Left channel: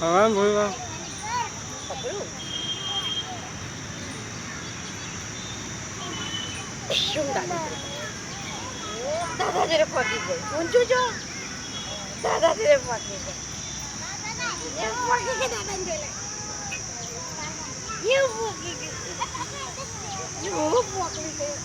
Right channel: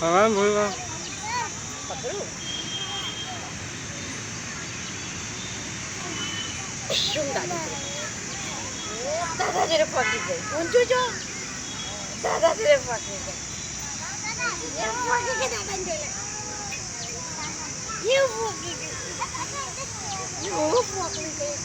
હા બોલ પકડું શું દાદા તેરે પકી ગઈ ઊંચું જો દાદા તેરે પકી ગઈ એ પકી કે દાદા ને જોઈ લે એ પકી ગઈ યો પકડી ગઈ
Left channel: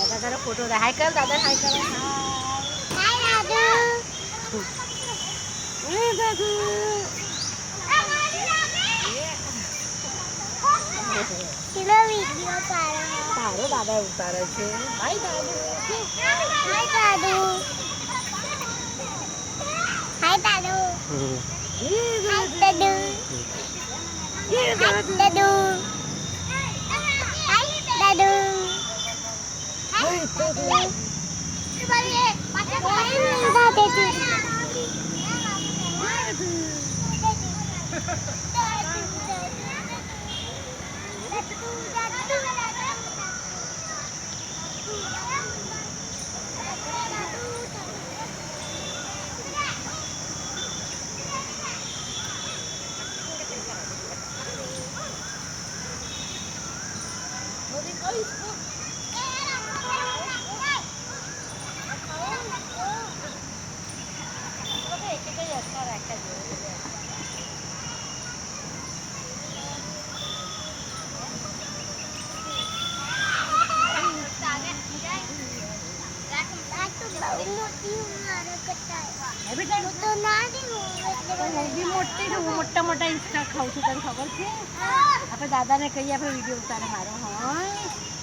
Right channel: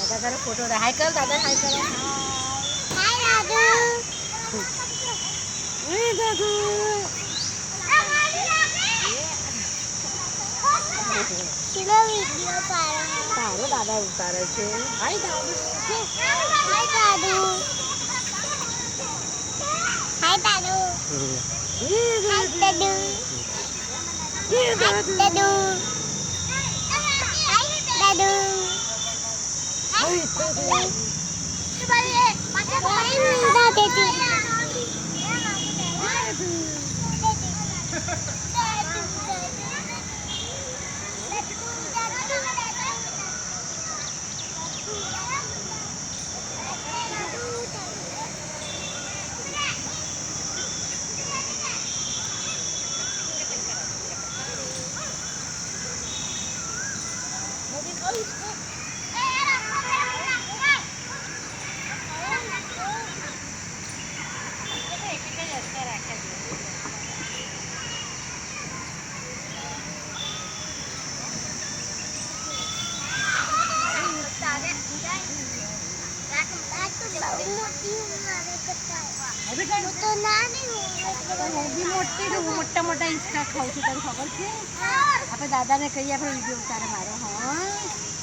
દાદા તારો ફોટો હાય કર દાદા હાય કરો હાય દાદુ એ દાદુ ચલો વિડિયો તારો દાદા ઉતારે છે હાય દાદુ હાય દાદુ હાય દાદુ હાય દાદુ દાદુ દાદુ હાય દાદુ હાય મોટા મોટા હિંચકા ખાઉં છું તને ખબર છે આપણે દાદાને કહીએ આપણે વિડીયો ઉતારે મારો હા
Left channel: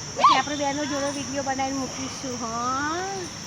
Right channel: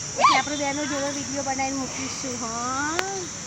પછી આપણે બેનો જોડે વિડીયો બનાવીને મૂકીશું હા